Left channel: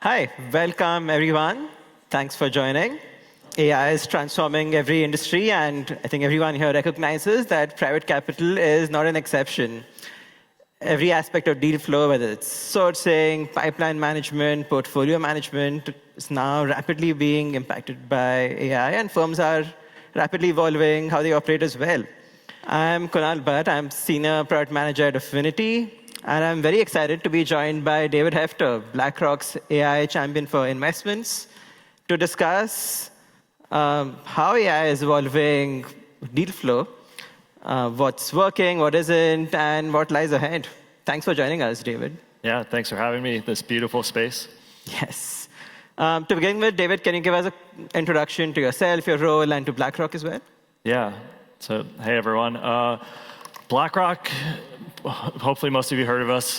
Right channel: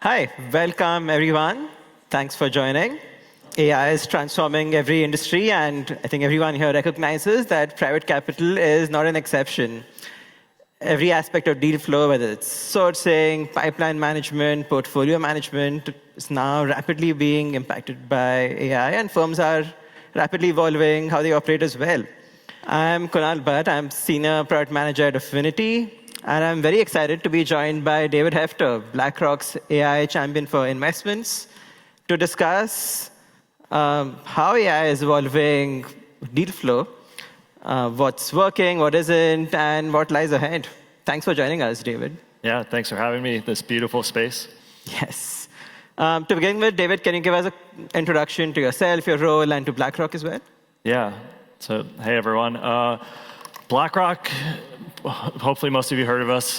Hi, welcome everyone. Thanks for joining. AI is transforming every industry, and I think everyone here recognizes that private capital is not an exception. Every aspect of deal flow, whether it's sourcing, pipeline management, portfolio management, is now rapidly being impacted by AI, and firms are rapidly evolving how they operate as well. I'm Kunal Bhatt. I'm Senior Product Manager at Affinity, and I'm very excited to be joined by David Hefter, BlackRock's AI champion for investments, to discuss how AI is evolving deal flow, what's working, what isn't, and what lies ahead. Thanks for joining us, David. Yeah, thanks for having me in this beautiful space. Yes. To begin with, David, can you give us an introduction to yourself, your role, and to BlackRock as well? Yeah, so hey everyone. BlackRock, hopefully most of you heard of us.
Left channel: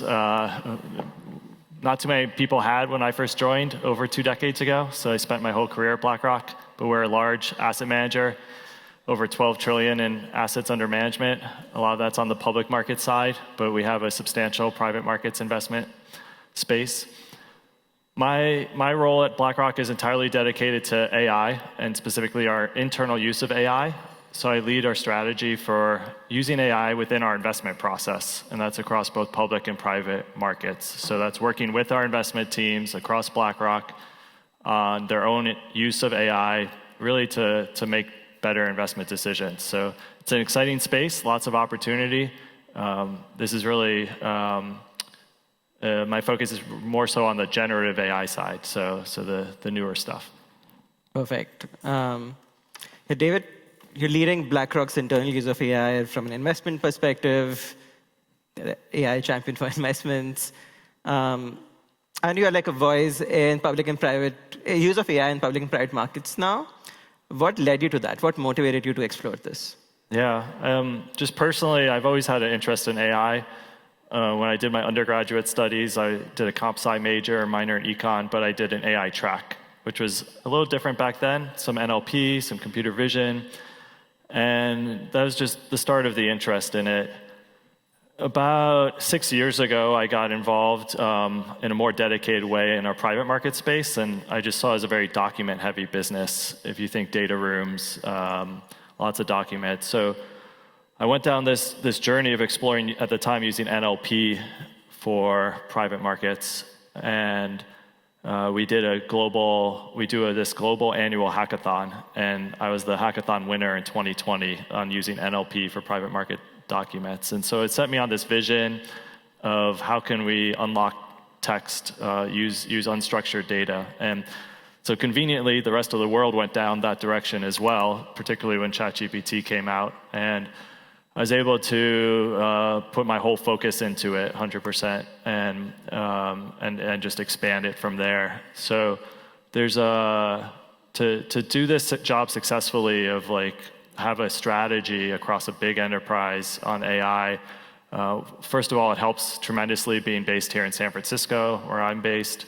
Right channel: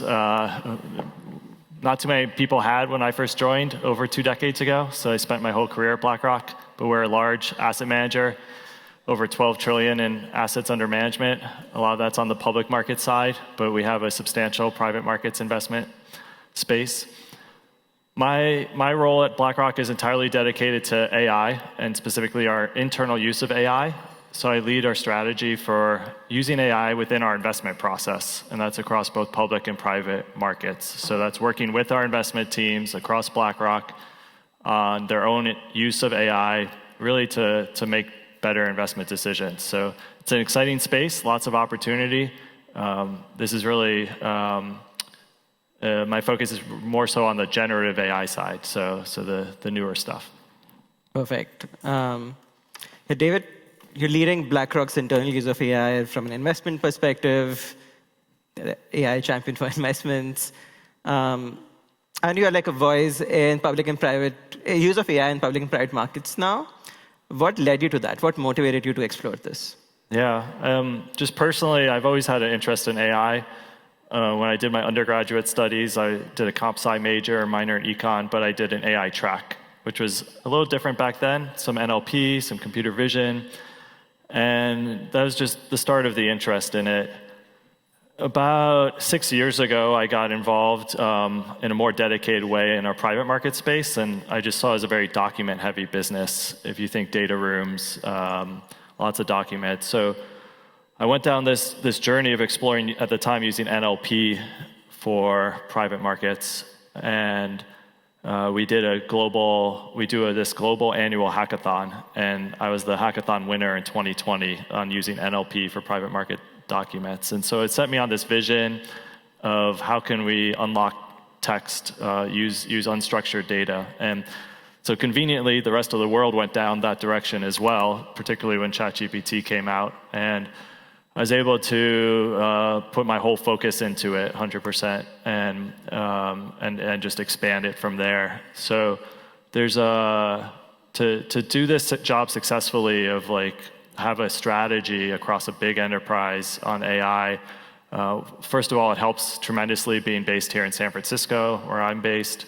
Not too many people had when I first joined over 2 decades ago, so I spent my whole career at BlackRock, but we're a large asset manager, over 12 trillion in assets under management. A lot of that's on the public market side, but we have a substantial private markets investment space. My role at BlackRock is entirely dedicated to AI, and specifically our internal use of AI. So I lead our strategy for using AI within our investment process, and that's across both public and private markets. So that's working with our investment teams across BlackRock on their own use of AI, really to make better investment decisions. So it's an exciting space, lots of opportunity. This is really, my focus is more so on the generative AI side, so the newer stuff. Perfect. David, you're leading BlackRock's internal use of AI from an investment perspective, AI champion for investments, and you're like a voice in public and private, use of AI in public and private markets now. What led you to that? What motivated you to explore this? Yeah, just personally, I've always had an interest in AI. When I did my undergraduate studies, I did a comp sci major, minor in econ, but I did an AI track, which was a little different back then. Some NLP, some computer vision. And that was just the start of the interest in it. About 6 years ago, I got involved in a more dedicated way in our private market space, and I just saw it as a very document-heavy business. If you think data rooms, lots of documents. So I went down this journey of exploring, at the time, using NLP for private markets, and we do this global annual hackathon, and I was the hackathon winner in 2020 on using NLP for private market documents. And so it set me on this vision of how can we unlock text, use unstructured data. And so conveniently, the rest of the world went down that direction as well, particularly when ChatGPT came out. And I was able to put my whole focus into it 100% and just expand it from there. So there's to do this job successfully, of like have a strategy across a big enterprise on AI. First of all, it helps tremendously being based here in San Francisco, where I'm based,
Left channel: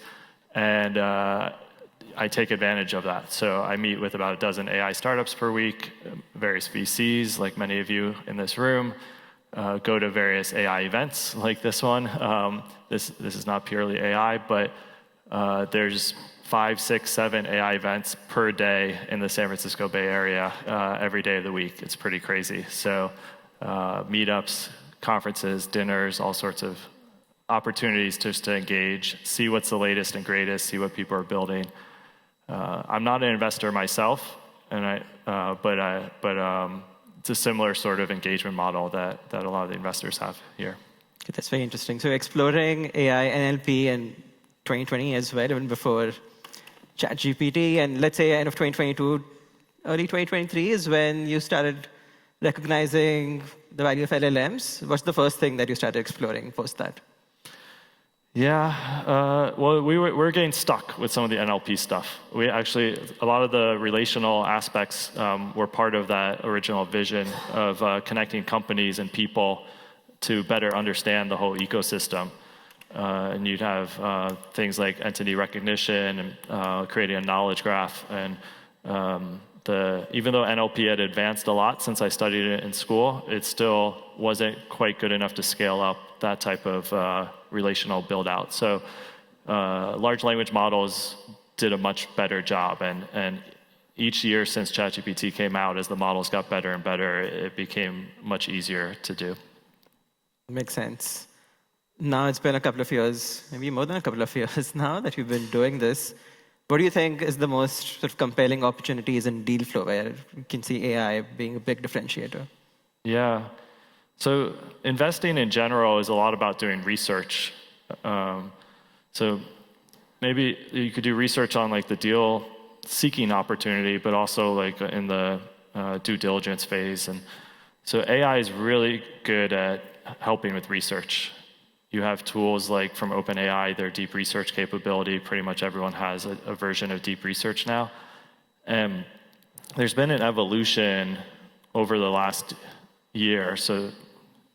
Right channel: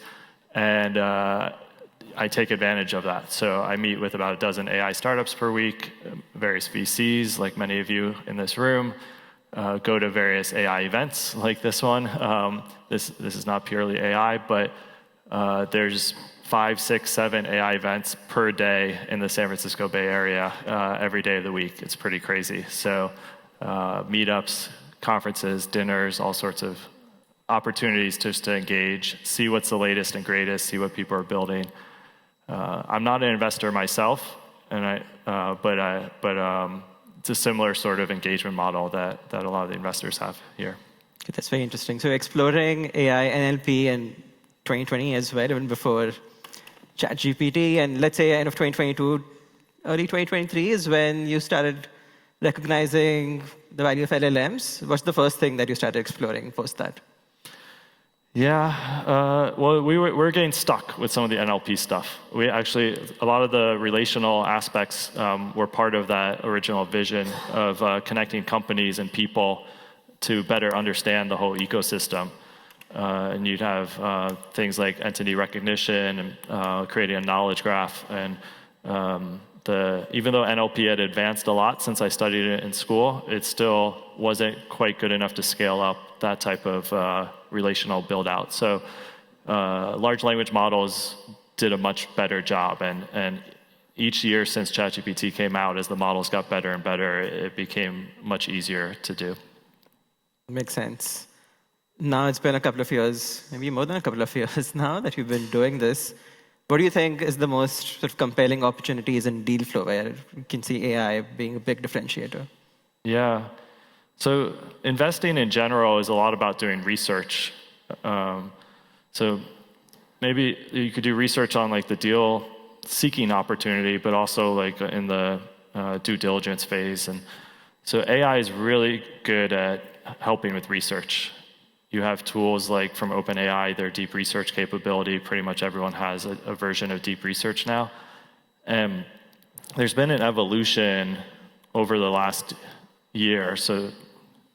and I take advantage of that. So I meet with about a dozen AI startups per week, various VCs, like many of you in this room, go to various AI events like this one. This is not purely AI, but there's 5, 6, 7 AI events per day in the San Francisco Bay Area every day of the week. It's pretty crazy. So meetups, conferences, dinners, all sorts of opportunities just to engage, see what's the latest and greatest, see what people are building. I'm not an investor myself, and but it's a similar sort of engagement model that a lot of the investors have here. That's very interesting. So exploring AI and NLP in 2020 as well, even before ChatGPT, and let's say end of 2022, early 2023 is when you started recognizing the value of LLMs. What's the first thing that you started exploring post that? Yeah, well, we're getting stuck with some of the NLP stuff. We actually, a lot of the relational aspects were part of that original vision of connecting companies and people to better understand the whole ecosystem. And you'd have things like entity recognition and creating a knowledge graph. And even though NLP had advanced a lot since I studied it in school, it still wasn't quite good enough to scale up that type of relational build out. So large language models did a much better job, and each year since ChatGPT came out, as the models got better and better, it became much easier to do. Makes sense. Now it's been a couple of years, maybe more than a couple of years now that you've been doing this. What do you think is the most sort of compelling opportunities in deal flow where you can see AI being a big differentiator? Yeah. So investing in general is a lot about doing research. So maybe you could do research on like the deal seeking opportunity, but also like in the due diligence phase. And so AI is really good at helping with research. You have tools like from OpenAI, their deep research capability. Pretty much everyone has a version of deep research now. And there's been an evolution over the last year. So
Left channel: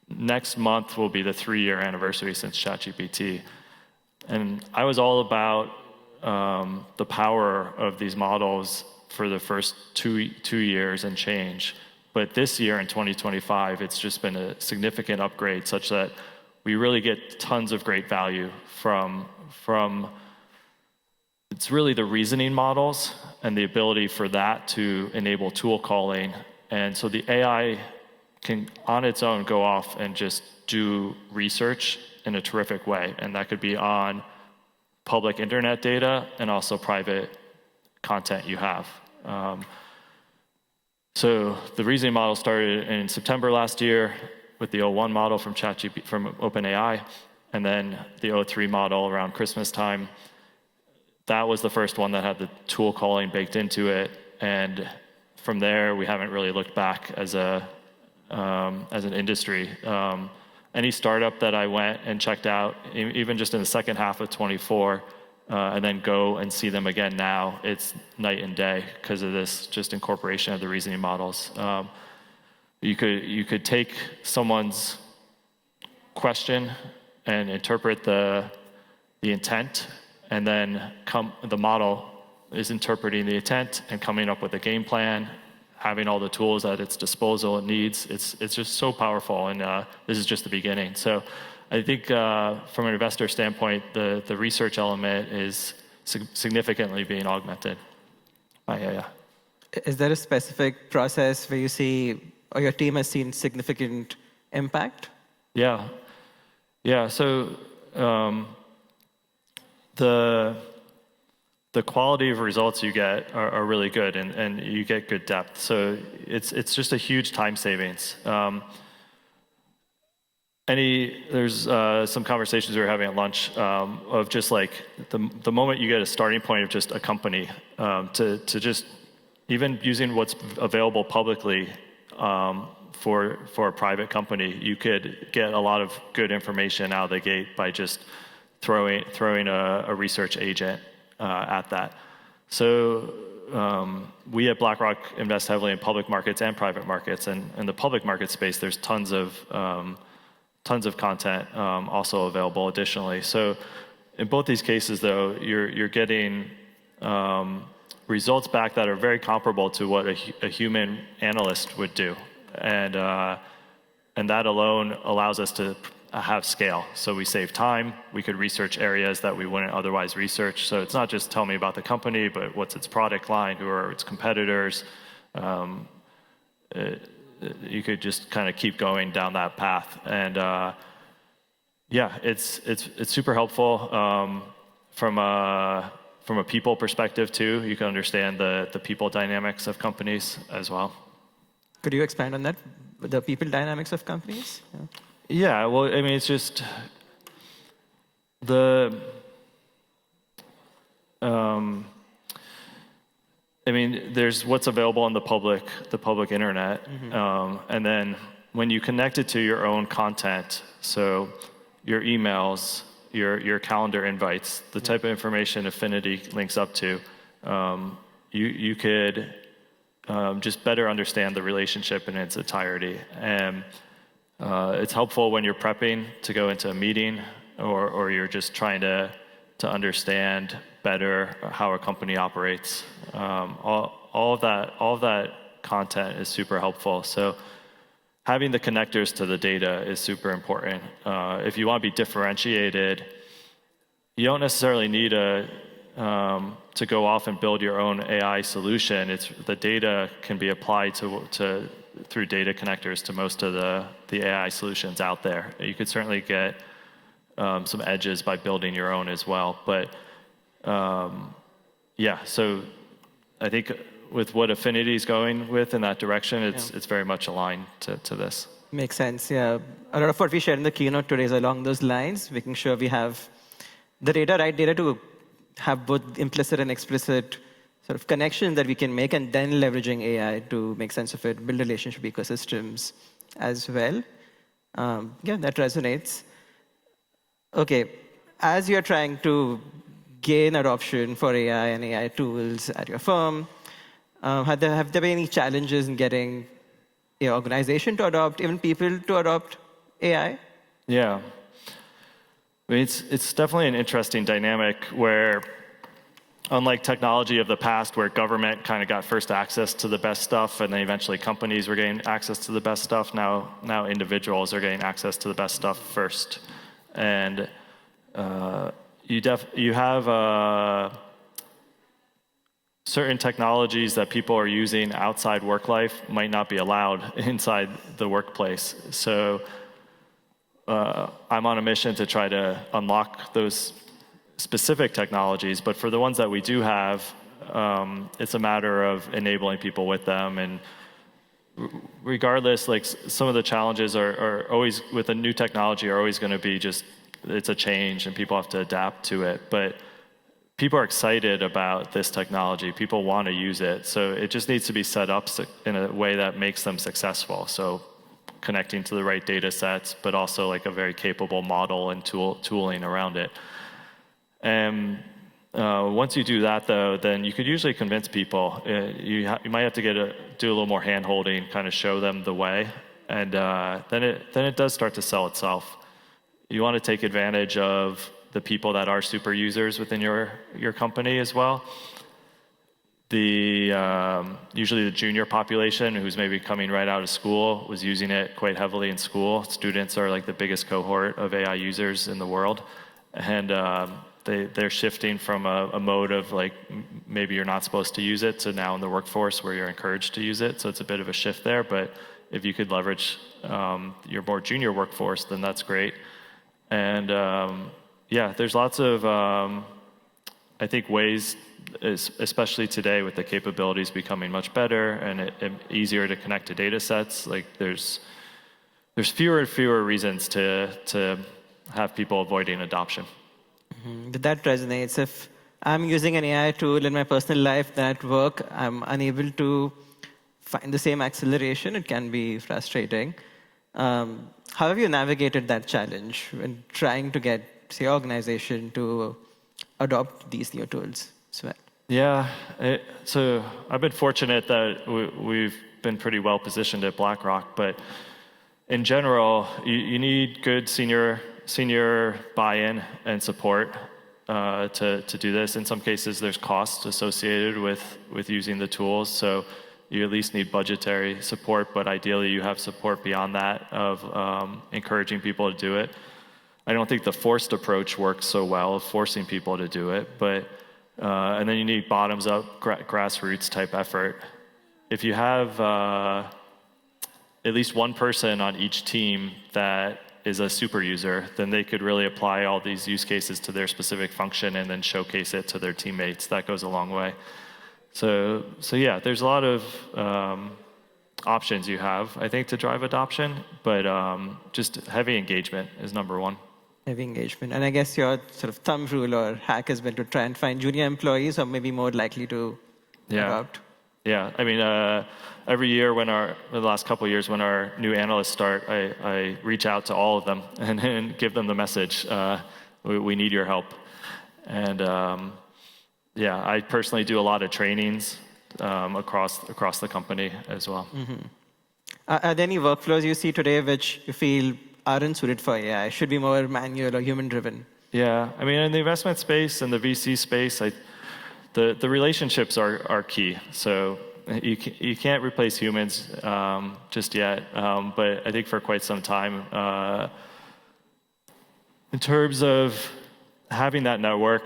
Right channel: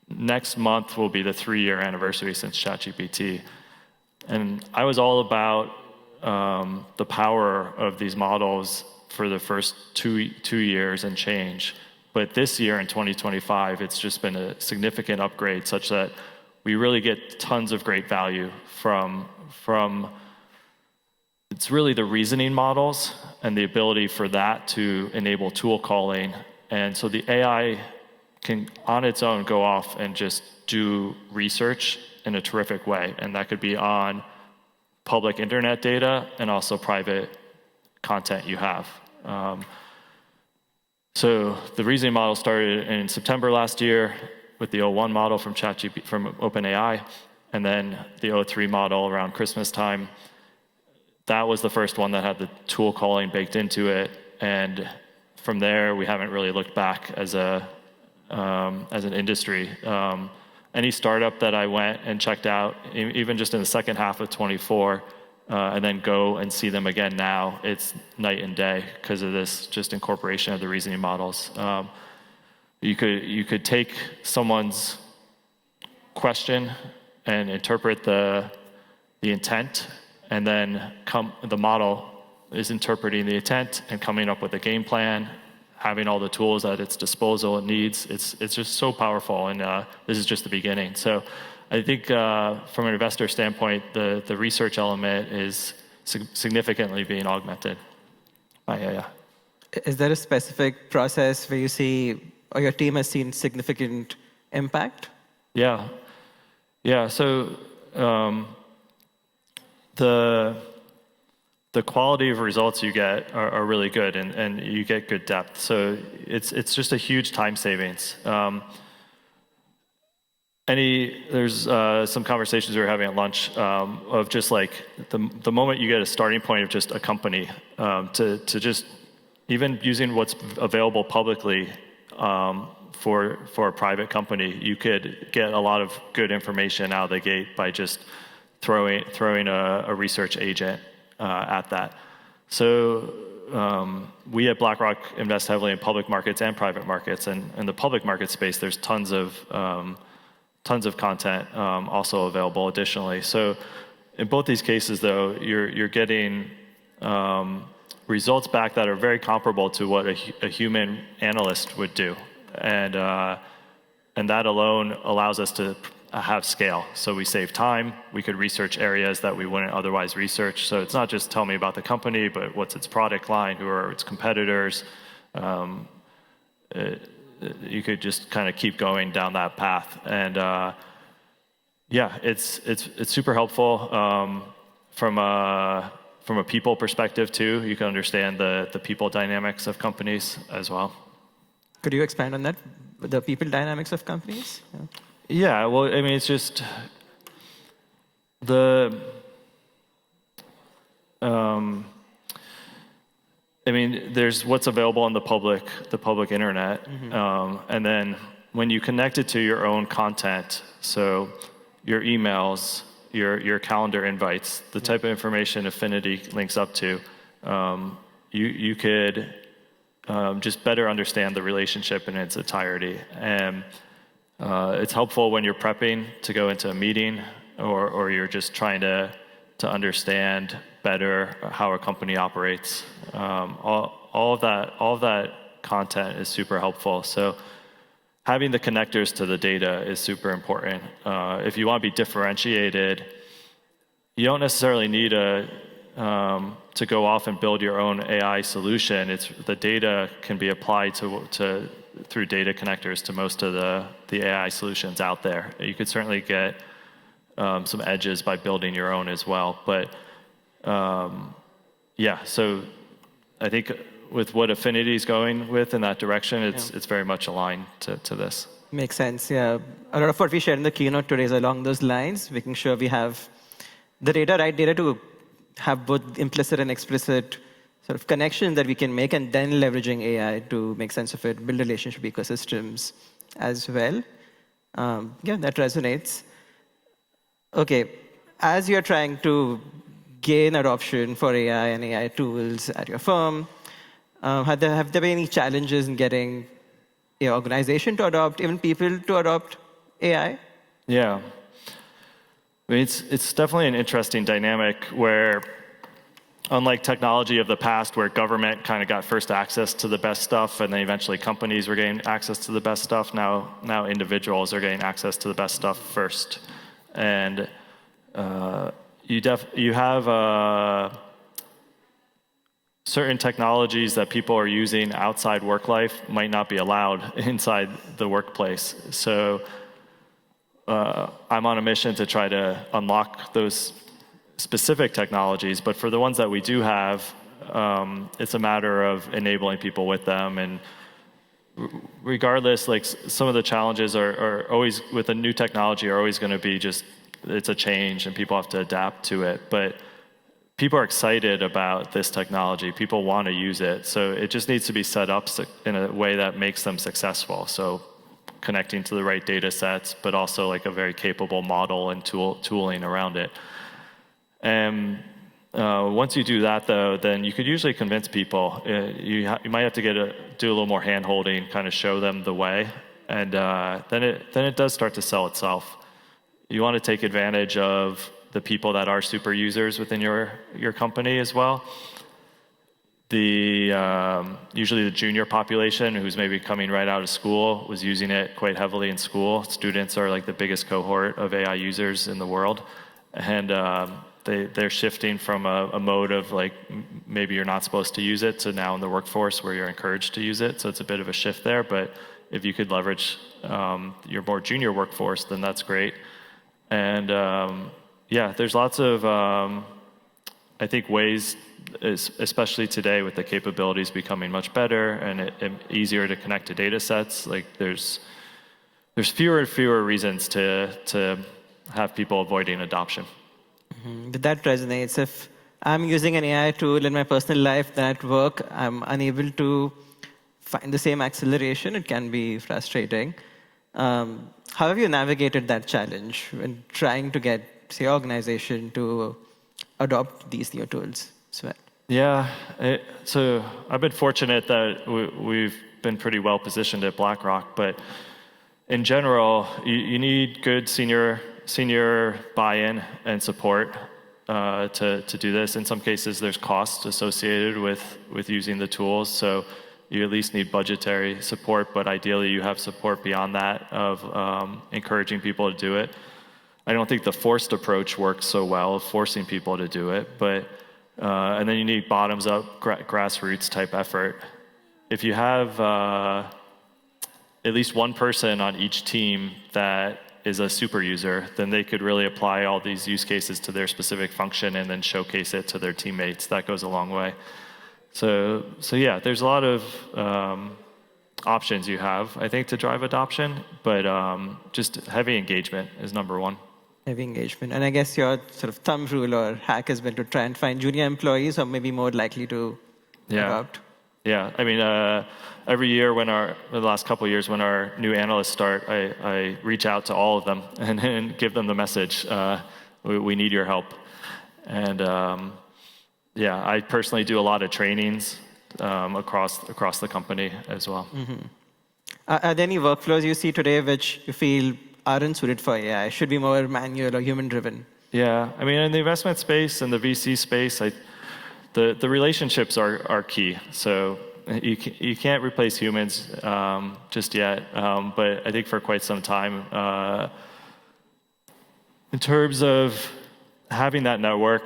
next month will be the 3-year anniversary since ChatGPT. And I was all about the power of these models for the first two years and change. But this year in 2025, it's just been a significant upgrade such that we really get tons of great value from it's really the reasoning models and the ability for that to enable tool calling. And so the AI can on its own go off and just do research in a terrific way. And that could be on public internet data and also private content you have. So the reasoning model started in September last year with the O1 model from OpenAI, and then the O3 model around Christmas time. That was the first one that had the tool calling baked into it, and from there we haven't really looked back as an industry. Any startup that I went and checked out, even just in the second half of 24, and then go and see them again now, it's night and day because of this just incorporation of the reasoning models. You could take someone's question and interpret the intent, and then the model is interpreting the intent and coming up with a game plan, having all the tools at its disposal it needs. It's just so powerful, and this is just the beginning. So I think from an investor standpoint, the research element is significantly being augmented by AI. Is there a specific process where you see, or your team has seen significant impact? Yeah. So the quality of results you get are really good, and you get good depth. So it's just a huge time savings. There's some conversations we were having at lunch of just like the moment you get a starting point of just a company to just even using what's available publicly for a private company, you could get a lot of good information out of the gate by just throwing a research agent at that. So we at BlackRock invest heavily in public markets and private markets, and in the public market space, there's tons of content also available additionally. So in both these cases, though, you're getting results back that are very comparable to what a human analyst would do, and that alone allows us to have scale. So we save time. We could research areas that we wouldn't otherwise research. So it's not just tell me about the company, but what's its product line, who are its competitors. You could just kind of keep going down that path, and it's super helpful from a people perspective too. You can understand the people dynamics of companies as well. Could you expand on that, the people dynamics of companies? Yeah, well, I mean, it's just there's what's available on the public internet, and then when you connect it to your own content, so your emails, your calendar invites, the type of information Affinity links up to, you could just better understand the relationship in its entirety. And it's helpful when you're prepping to go into a meeting, or you're just trying to understand better how a company operates. All of that content is super helpful. So having the connectors to the data is super important. If you want to be differentiated, you don't necessarily need to go off and build your own AI solution. The data can be applied through data connectors to most of the AI solutions out there. You could certainly get some edges by building your own as well. But yeah, so I think with what Affinity is going with in that direction, it's very much aligned to this. Makes sense, yeah. A lot of what we shared in the keynote today is along those lines, making sure we have the right data to have both implicit and explicit sort of connection that we can make, and then leveraging AI to make sense of it, build relationship ecosystems as well. Yeah, that resonates. Okay, as you're trying to gain adoption for AI and AI tools at your firm, have there been any challenges in getting your organization to adopt, even people to adopt AI? Yeah. I mean, it's definitely an interesting dynamic where, unlike technology of the past, where government kind of got first access to the best stuff, and then eventually companies were getting access to the best stuff, now individuals are getting access to the best stuff first. And you have certain technologies that people are using outside work life might not be allowed inside the workplace. So I'm on a mission to try to unlock those specific technologies, but for the ones that we do have, it's a matter of enabling people with them. And regardless, like, some of the challenges are always, with a new technology, are always going to be just, it's a change and people have to adapt to it. But people are excited about this technology. People want to use it. So it just needs to be set up in a way that makes them successful. So connecting to the right data sets, but also like a very capable model and tooling around it. And once you do that, though, then you could usually convince people. You might have to do a little more hand-holding, kind of show them the way, and then it does start to sell itself. You want to take advantage of the people that are super users within your company as well. Usually the junior population, who's maybe coming right out of school, was using it quite heavily in school. Students are like the biggest cohort of AI users in the world, and they're shifting from a mode of like, maybe you're not supposed to use it, to now in the workforce where you're encouraged to use it. So it's a bit of a shift there, but if you could leverage your more junior workforce, then that's great. And yeah, there's lots of, I think, ways, especially today with the capabilities becoming much better and easier to connect to data sets. Like, there's fewer and fewer reasons to have people avoiding adoption. Mm-hmm. That resonates. If I'm using an AI tool in my personal life, then at work I'm unable to find the same acceleration, it can be frustrating. How have you navigated that challenge when trying to get, say, organization to adopt these new tools as well? Yeah, so I've been fortunate that we've been pretty well positioned at BlackRock, but in general, you need good senior buy-in and support to do this. In some cases, there's costs associated with using the tools, so you at least need budgetary support, but ideally you have support beyond that of encouraging people to do it. I don't think the forced approach works so well, of forcing people to do it, but and then you need bottoms-up, grassroots type effort. If you have at least one person on each team that is a super user, then they could really apply all these use cases to their specific function and then showcase it to their teammates. That goes a long way. So yeah, there's a lot of options you have, I think, to drive adoption, but just heavy engagement is number one. Heavy engagement. And I guess your sort of thumb rule or hack has been to try and find junior employees who are maybe more likely to adopt. Yeah, I mean, every year the last couple of years when our new analysts start, I reach out to all of them and give them the message, we need your help. And yeah, I personally do a lot of trainings across the company as well. Mm-hmm. Are there any workflows you see today which you feel aren't suited for AI, should be more manual or human-driven? Yeah, I mean, in the investment space and the VC space, the relationships are key. So you can't replace humans just yet, but I think for quite some time, in terms of having that network,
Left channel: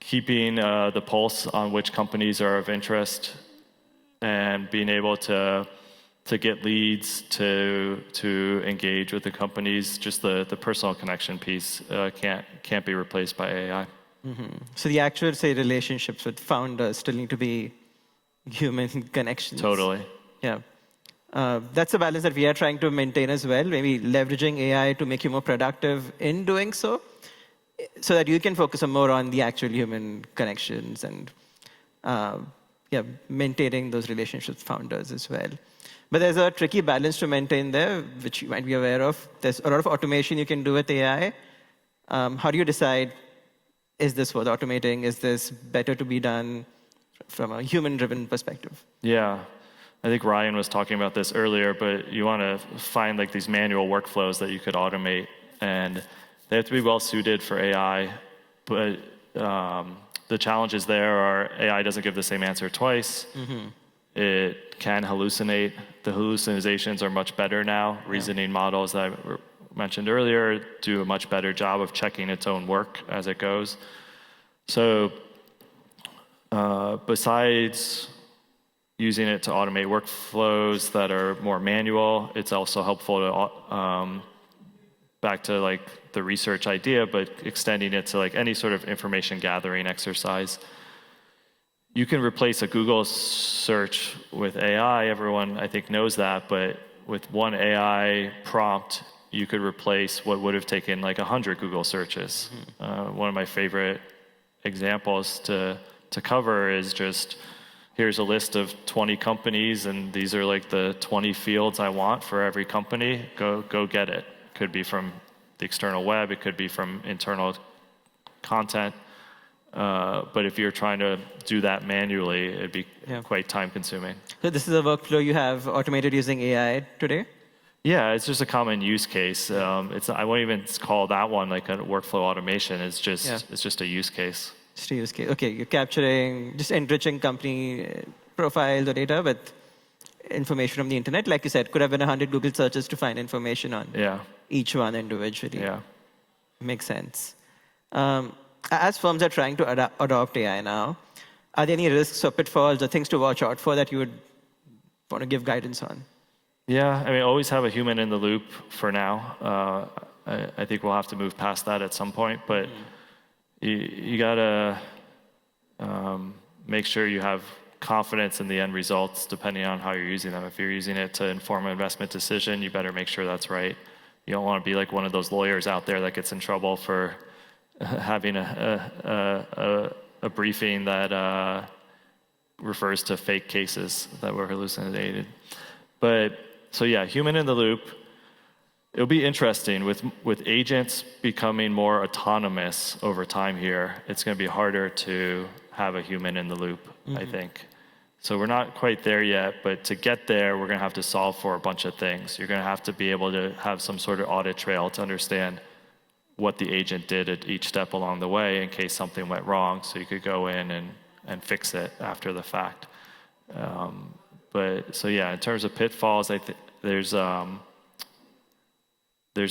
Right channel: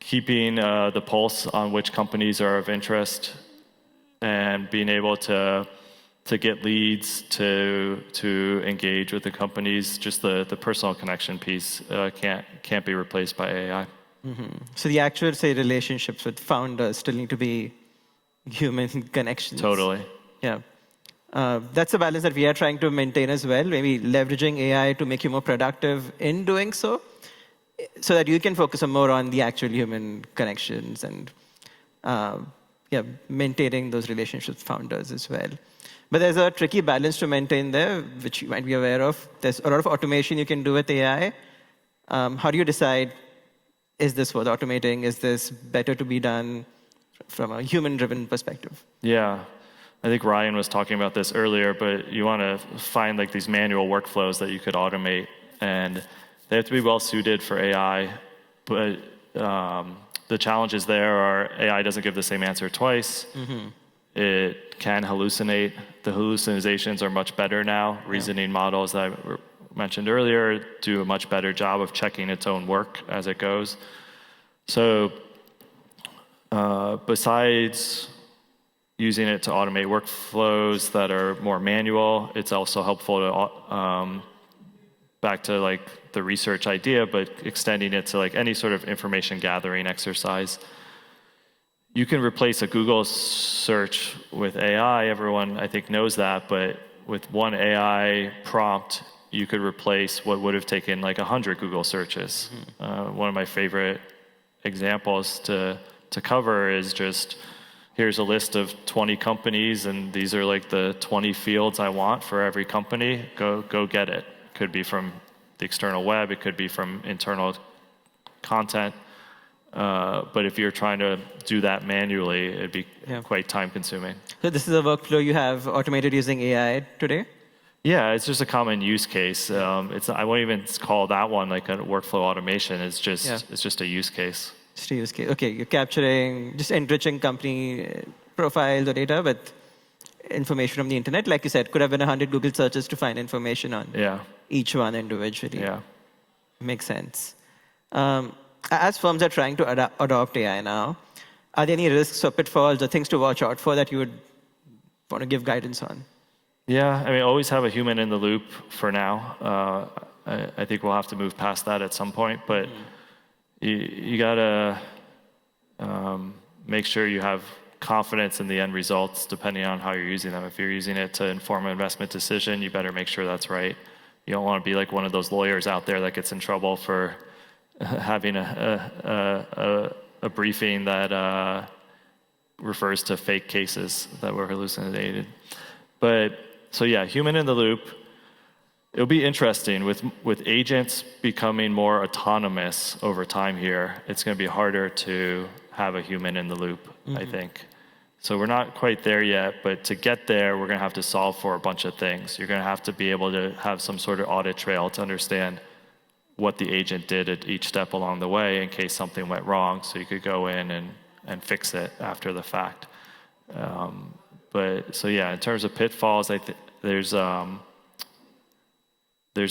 keeping the pulse on which companies are of interest, and being able to get leads, to engage with the companies, just the personal connection piece can't be replaced by AI. So the actual, say, relationships with founders still need to be human connections. Totally. Yeah. That's a balance that we are trying to maintain as well, maybe leveraging AI to make you more productive in doing so that you can focus more on the actual human connections and maintaining those relationships with founders as well. But there's a tricky balance to maintain there, which you might be aware of. There's a lot of automation you can do with AI. How do you decide, is this worth automating? Is this better to be done from a human-driven perspective? Yeah. I think Ryan was talking about this earlier, but you want to find like these manual workflows that you could automate, and they have to be well suited for AI. But the challenges there are AI doesn't give the same answer twice. It can hallucinate. The hallucinations are much better now. Reasoning models that I mentioned earlier do a much better job of checking its own work as it goes. So besides using it to automate workflows that are more manual, it's also helpful to back to like the research idea, but extending it to like any sort of information gathering exercise. You can replace a Google search with AI. Everyone, I think, knows that. But with one AI prompt, you could replace what would have taken like 100 Google searches. One of my favorite examples to cover is just, here's a list of 20 companies, and these are like the 20 fields I want for every company. Go get it. Could be from the external web. It could be from internal content. But if you're trying to do that manually, it'd be quite time-consuming. So this is a workflow you have automated using AI today? Yeah, it's just a common use case. I won't even call that one like a workflow automation. It's just a use case. Just a use case. Okay, you're capturing, just enriching company profiles or data with information from the internet. Like you said, could have been 100 Google searches to find information on each one individually. Yeah. Makes sense. As firms are trying to adopt AI now, are there any risks or pitfalls or things to watch out for that you would want to give guidance on? Yeah, I mean, always have a human in the loop for now. I think we'll have to move past that at some point, but you gotta make sure you have confidence in the end results depending on how you're using them. If you're using it to inform an investment decision, you better make sure that's right. You don't want to be like one of those lawyers out there that gets in trouble for having a briefing that refers to fake cases that were hallucinated. But so yeah, human in the loop. It'll be interesting with agents becoming more autonomous over time here. It's going to be harder to have a human in the loop, I think. So we're not quite there yet, but to get there, we're going to have to solve for a bunch of things. You're going to have to be able to have some sort of audit trail to understand what the agent did at each step along the way in case something went wrong, so you could go in and fix it after the fact. But so yeah, in terms of pitfalls, I think there's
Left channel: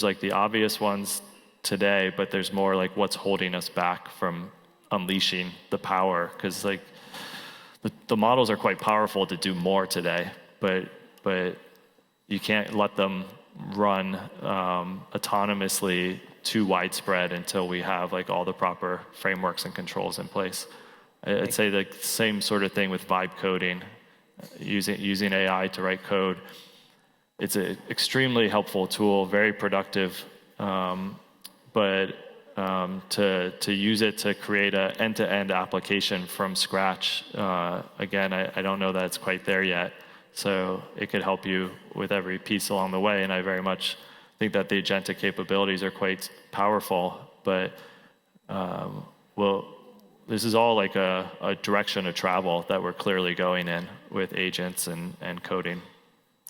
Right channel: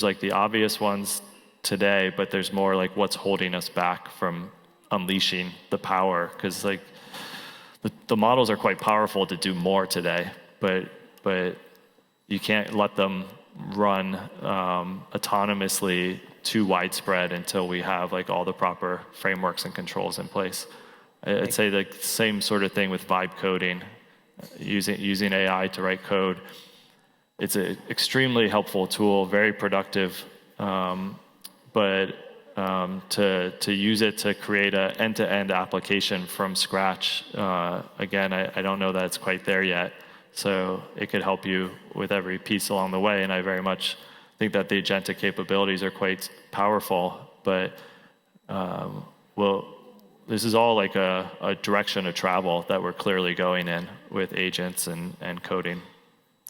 like the obvious ones today, but there's more like what's holding us back from unleashing the power, because like the models are quite powerful to do more today, but you can't let them run autonomously too widespread until we have like all the proper frameworks and controls in place. I'd say the same sort of thing with vibe coding, using AI to write code. It's an extremely helpful tool, very productive, but to use it to create an end-to-end application from scratch, again, I don't know that it's quite there yet. So it could help you with every piece along the way, and I very much think that the agentic capabilities are quite powerful, but this is all like a direction of travel that we're clearly going in with agents and coding.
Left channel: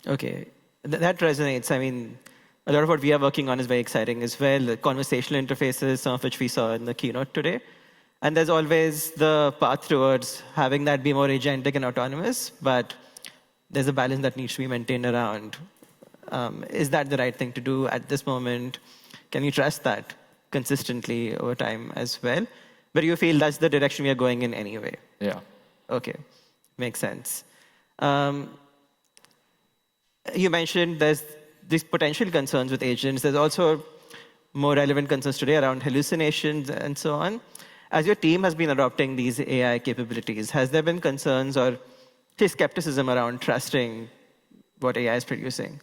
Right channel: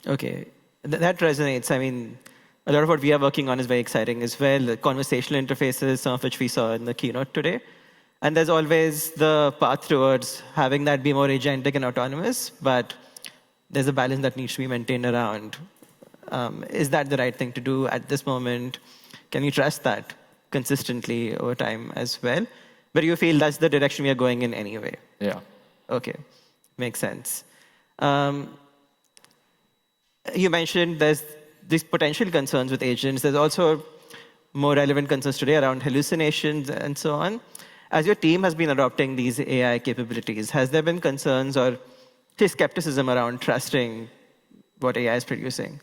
Okay, that resonates. I mean, a lot of what we are working on is very exciting as well. The conversational interfaces, some of which we saw in the keynote today. And there's always the path towards having that be more agentic and autonomous, but there's a balance that needs to be maintained around. Is that the right thing to do at this moment? Can you trust that consistently over time as well. But you feel that's the direction we are going in anyway. Yeah. Okay, makes sense. You mentioned there's these potential concerns with agents. There's also more relevant concerns today around hallucinations and so on. As your team has been adopting these AI capabilities, has there been concerns or skepticism around trusting what AI is producing?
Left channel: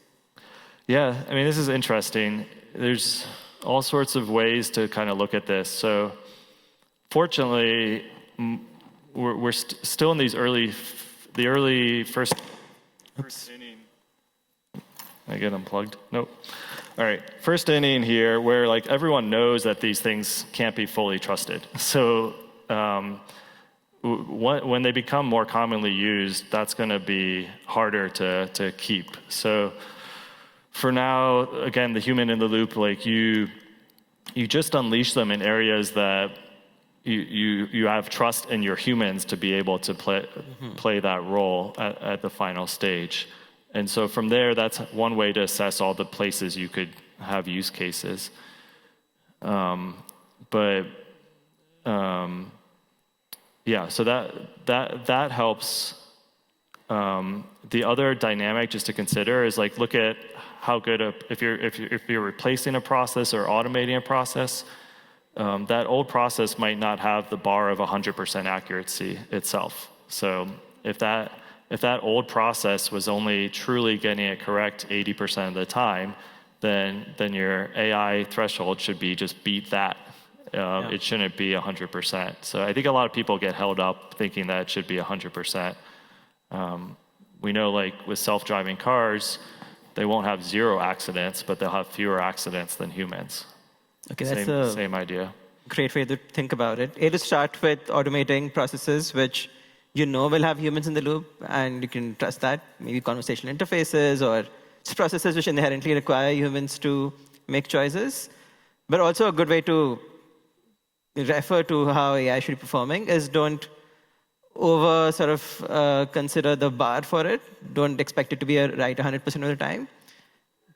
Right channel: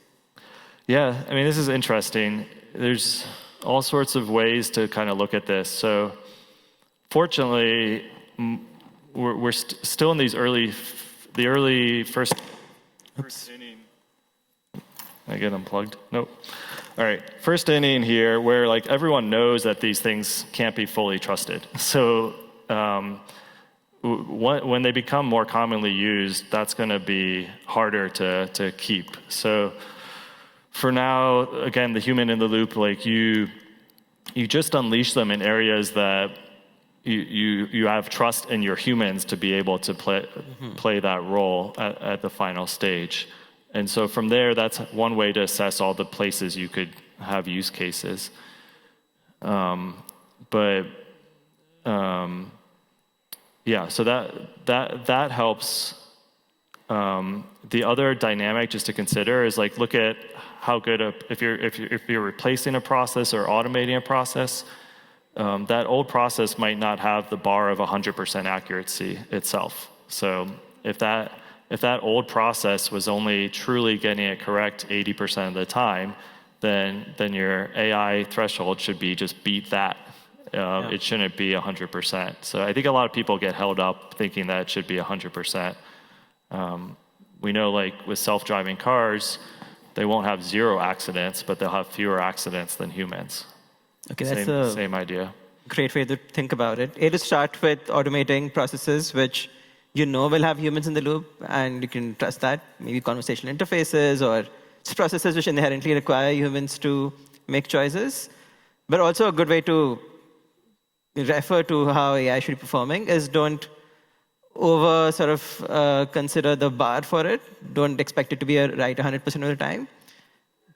Yeah, I mean, this is interesting. There's all sorts of ways to kind of look at this. So fortunately, we're still in these early first inning. I get unplugged? Nope. All right, first inning here, where like everyone knows that these things can't be fully trusted. So when they become more commonly used, that's going to be harder to keep. So for now, again, the human in the loop, like you just unleash them in areas that you have trust in your humans to be able to play that role at the final stage. And so from there, that's one way to assess all the places you could have use cases. Yeah, so that helps. The other dynamic just to consider is like look at how good if you're replacing a process or automating a process, that old process might not have the bar of 100% accuracy itself. So if that old process was only truly getting it correct 80% of the time, then your AI threshold should be just beat that. It shouldn't be 100%. So I think a lot of people get held up thinking that it should be 100%. We know like with self-driving cars, they won't have 0 accidents, but they'll have fewer accidents than humans. Okay, that's the same idea. Great way to think about it. To start with automating processes which you know will have humans in the loop, and you can trust that. Maybe conversational interfaces or processes which inherently require humans to make choices. But also a good way to refer to how AI should be performing is don't consider the bar for it. Don't expect it to be right 100% of the time.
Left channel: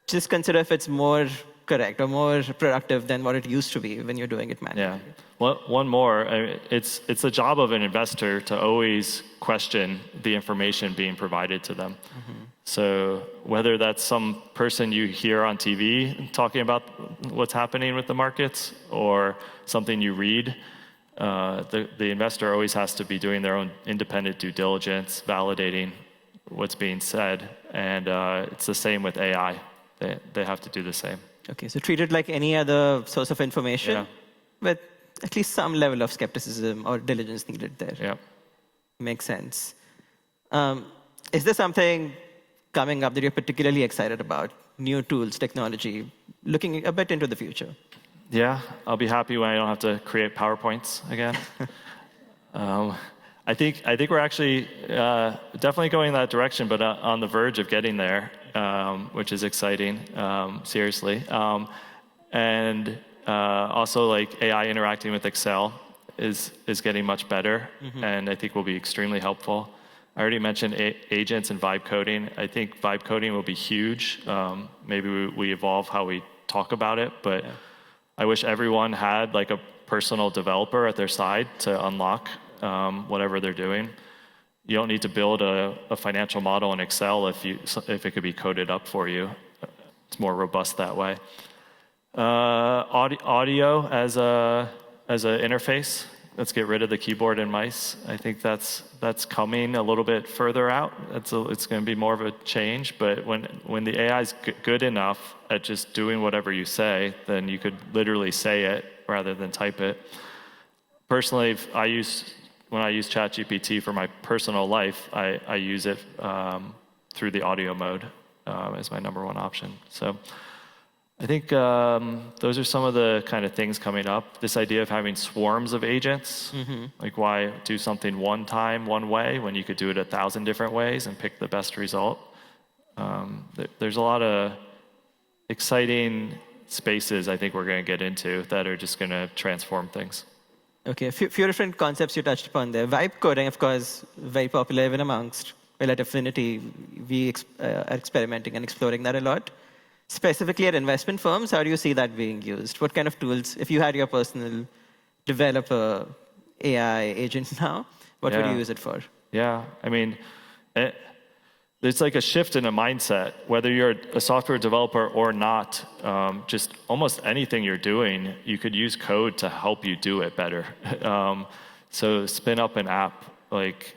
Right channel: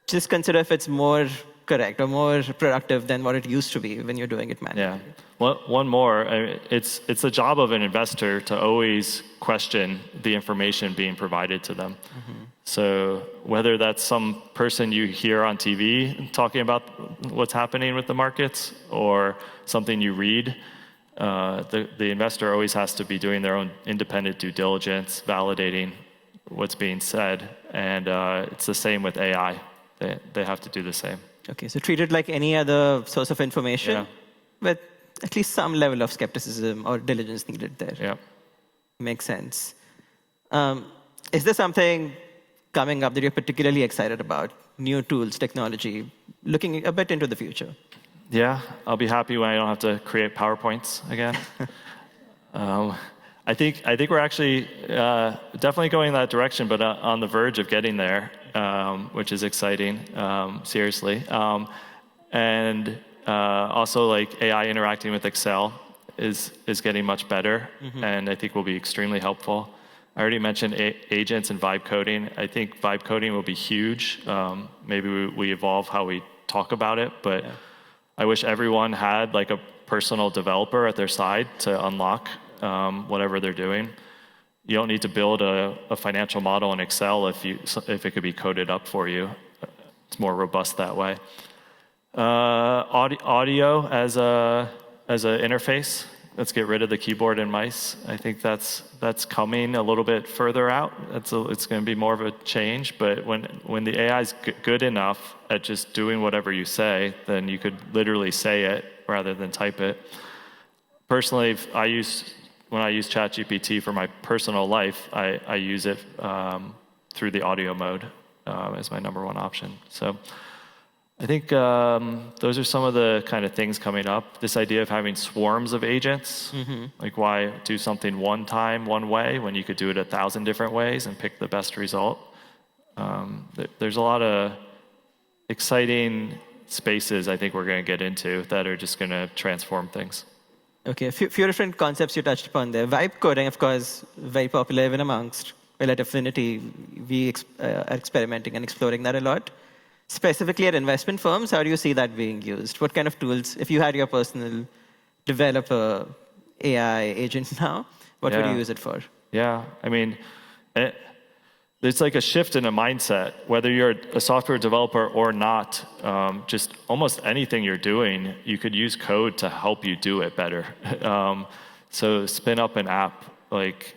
Just consider if it's more correct or more productive than what it used to be when you're doing it manually. Yeah. One more. It's the job of an investor to always question the information being provided to them. Mm-hmm. So whether that's some person you hear on TV talking about what's happening with the markets or something you read, the investor always has to be doing their own independent due diligence, validating what's being said. And it's the same with AI. They have to do the same. Okay, so treat it like any other source of information with at least some level of skepticism or diligence needed there. Yeah. Makes sense. Is there something coming up that you're particularly excited about? New tools, technology, looking a bit into the future? Yeah, I'll be happy when I don't have to create PowerPoints again. I think we're actually definitely going in that direction, but on the verge of getting there, which is exciting, seriously. And also, like AI interacting with Excel is getting much better, and I think will be extremely helpful. I already mentioned agents and vibe coding. I think vibe coding will be huge. Maybe we evolve how we talk about it, but I wish everyone had like a personal developer at their side to unlock whatever they're doing. You don't need to build a financial model in Excel if it could be coded up for you. It's more robust that way. Audio as an interface. Let's get rid of the keyboard and mice. I think that's coming a little bit further out. It's going to be more of a change. But when the AI is good enough at just doing whatever you say, then you could literally say it rather than type it. Personally, when I use ChatGPT for my personal life, I use it through the audio mode as my number one option. So I think those are some of the kind of things coming up. This idea of having swarms of agents, like why do something one time, one way, when you could do it 1,000 different ways and pick the best result. There's a lot of exciting spaces I think we're going to get into that are just going to transform things. Okay, a few different concepts you touched upon there. Vibe coding, of course, very popular even amongst, at Affinity, we are experimenting and exploring that a lot. specifically at investment firms, how do you see that being used? What kind of tools, if you had your personal developer AI agent now, what would you use it for? Yeah, I mean, it's like a shift in a mindset, whether you're a software developer or not. Just almost anything you're doing, you could use code to help you do it better. So spin up an app, like,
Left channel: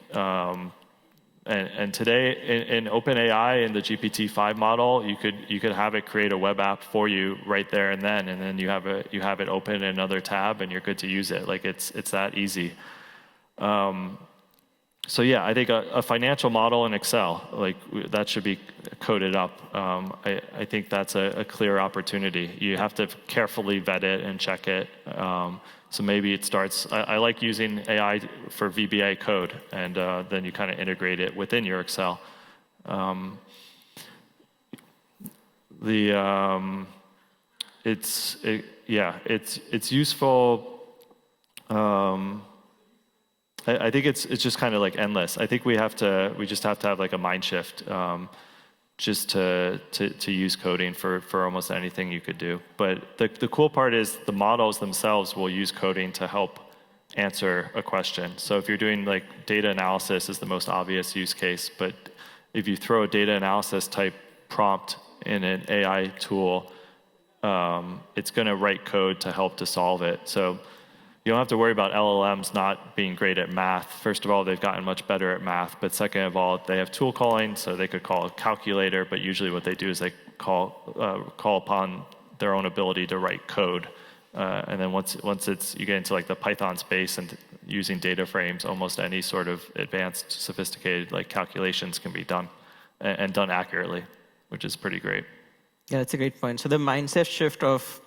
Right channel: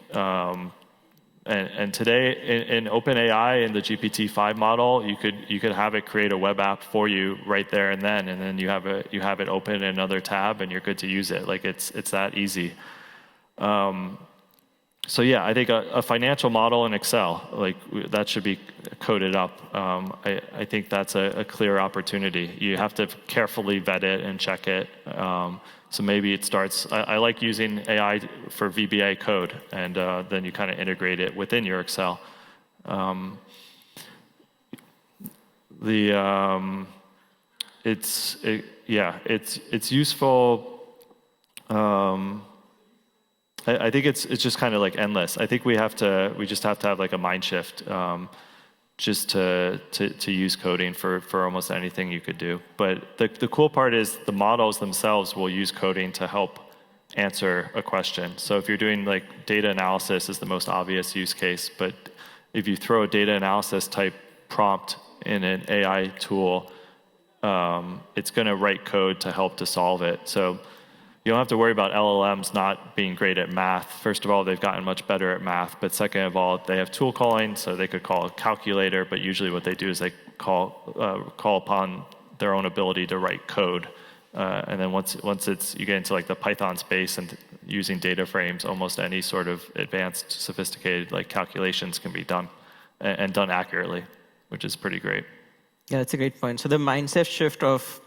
and today in OpenAI in the GPT-5 model, you could have it create a web app for you right there and then you have it open in another tab, and you're good to use it. Like it's that easy. So yeah, I think a financial model in Excel, like that should be coded up. I think that's a clear opportunity. You have to carefully vet it and check it. So maybe it starts, I like using AI for VBA code, and then you kind of integrate it within your Excel. It's useful. I think it's just kind of like endless. I think we just have to have like a mind shift, just to use coding for almost anything you could do. But the cool part is the models themselves will use coding to help answer a question. So if you're doing like data analysis is the most obvious use case, but if you throw a data analysis type prompt in an AI tool, it's going to write code to help to solve it. So you don't have to worry about LLMs not being great at math. First of all, they've gotten much better at math. But second of all, they have tool calling, so they could call a calculator. But usually what they do is they call upon their own ability to write code. And then once you get into like the Python space and using data frames, almost any sort of advanced, sophisticated like calculations can be done and done accurately, which is pretty great. Yeah, that's a great point. So the mindset shift of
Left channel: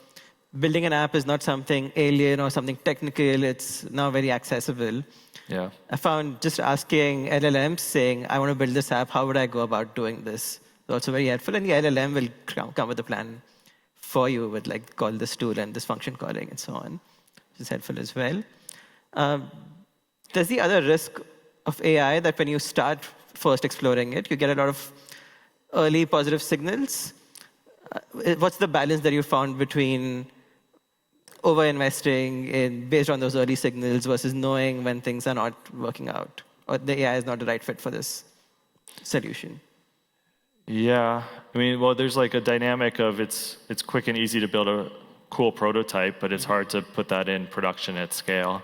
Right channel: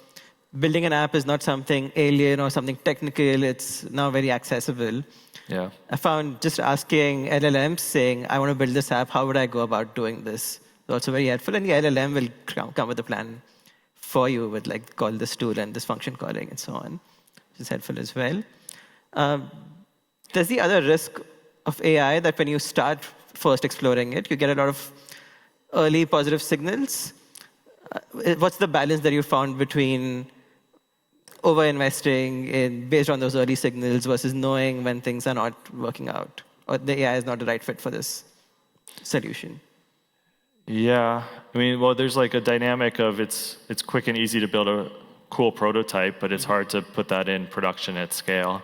building an app is not something alien or something technical. It's now very accessible. Yeah. I found just asking LLMs saying, I want to build this app, how would I go about doing this? It's also very helpful. And the LLM will come with a plan for you with like call this tool and this function calling and so on, which is helpful as well. There's the other risk of AI that when you start first exploring it, you get a lot of early positive signals. What's the balance that you found between over-investing based on those early signals versus knowing when things are not working out or the AI is not the right fit for this solution? Yeah, I mean, well, there's like a dynamic of it's quick and easy to build a cool prototype, but it's hard to put that in production at scale.